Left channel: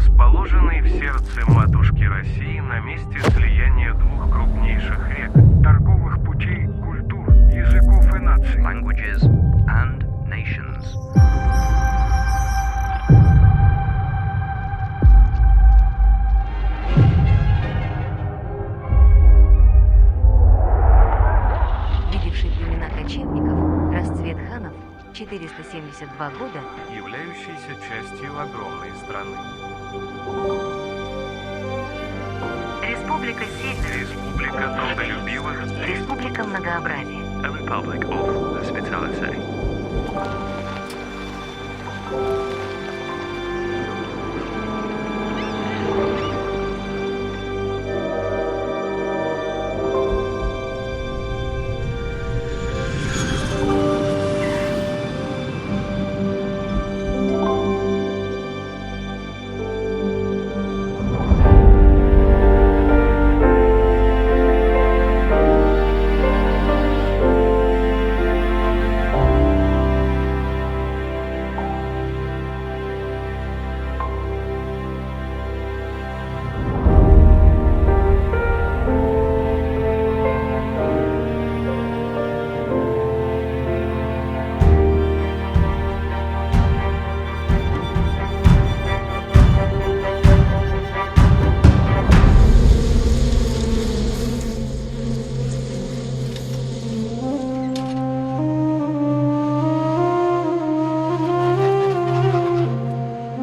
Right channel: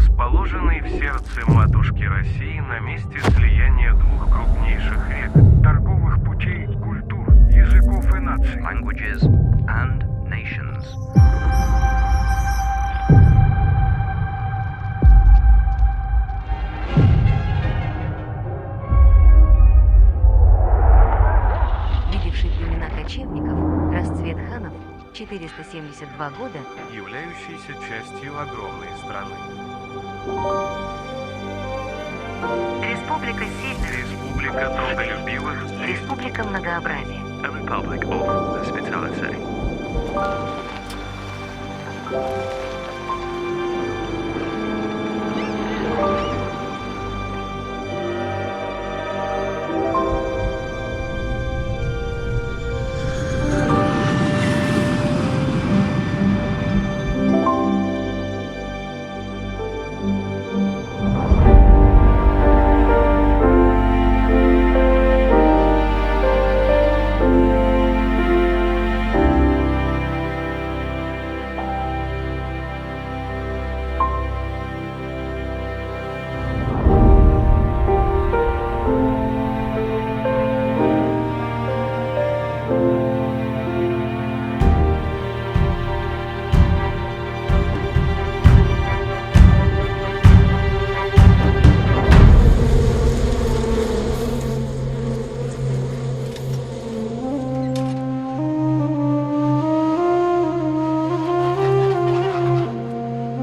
Расположенный в сердце матушки России на месте слияния двух крупнейших рек, торговых путей, культур, языков и наций. Languages and nations. Видевший племена кочевников, расцвет ханов, 472 года, являющийся частью огромной страны. Республика Сильных, Республика трудолюбивых, Республика Многообразия. A Republic of Hospitality.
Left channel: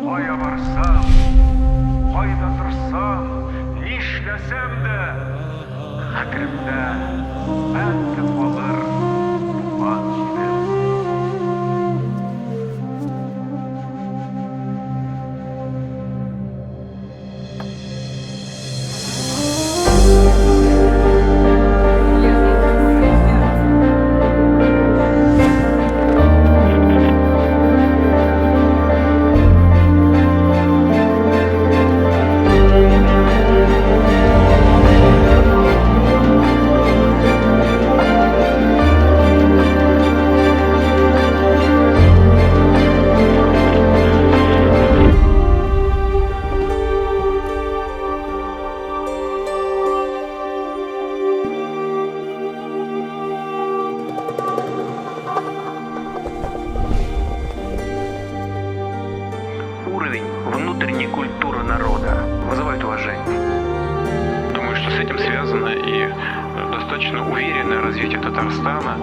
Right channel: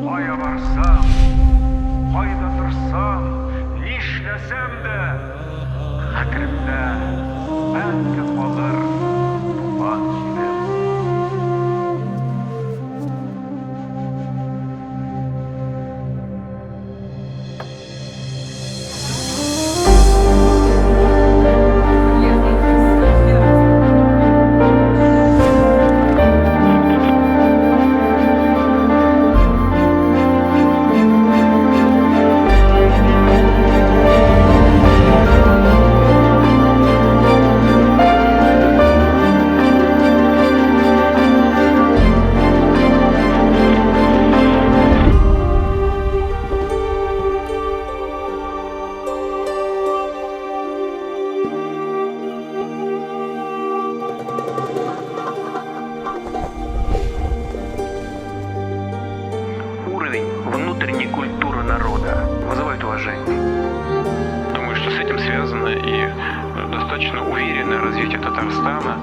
Кая барсам, кайда торсам, нишләсәм дә, хәтеремдә мәңге калыр туган җирем. Уровень внутренней культуры народа вызывает уважение. Думаю, что с этим связано и достаточно уверенное развитие Татарстана.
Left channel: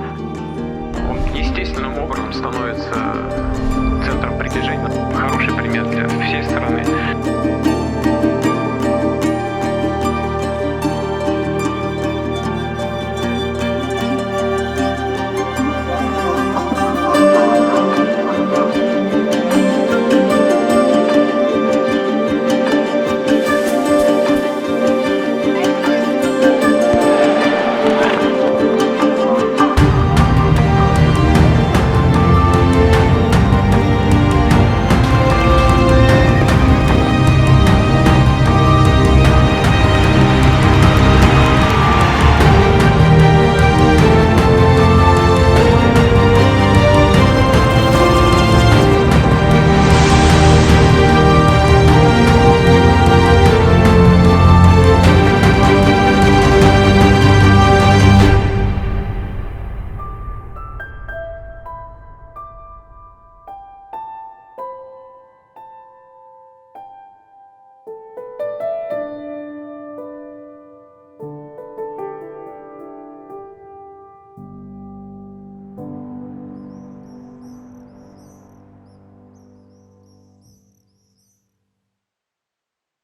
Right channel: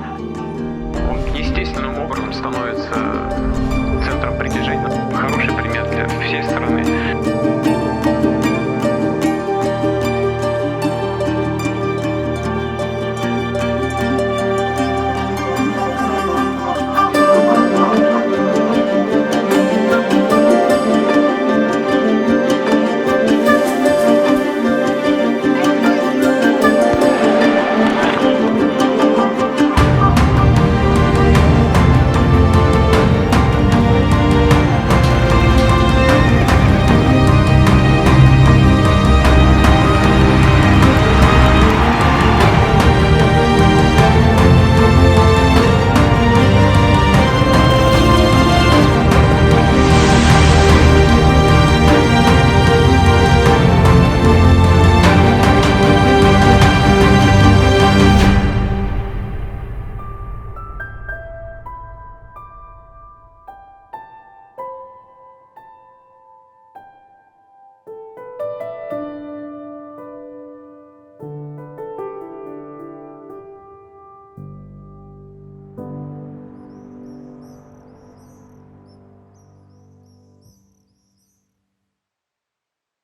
Он естественным образом становится центром притяжения.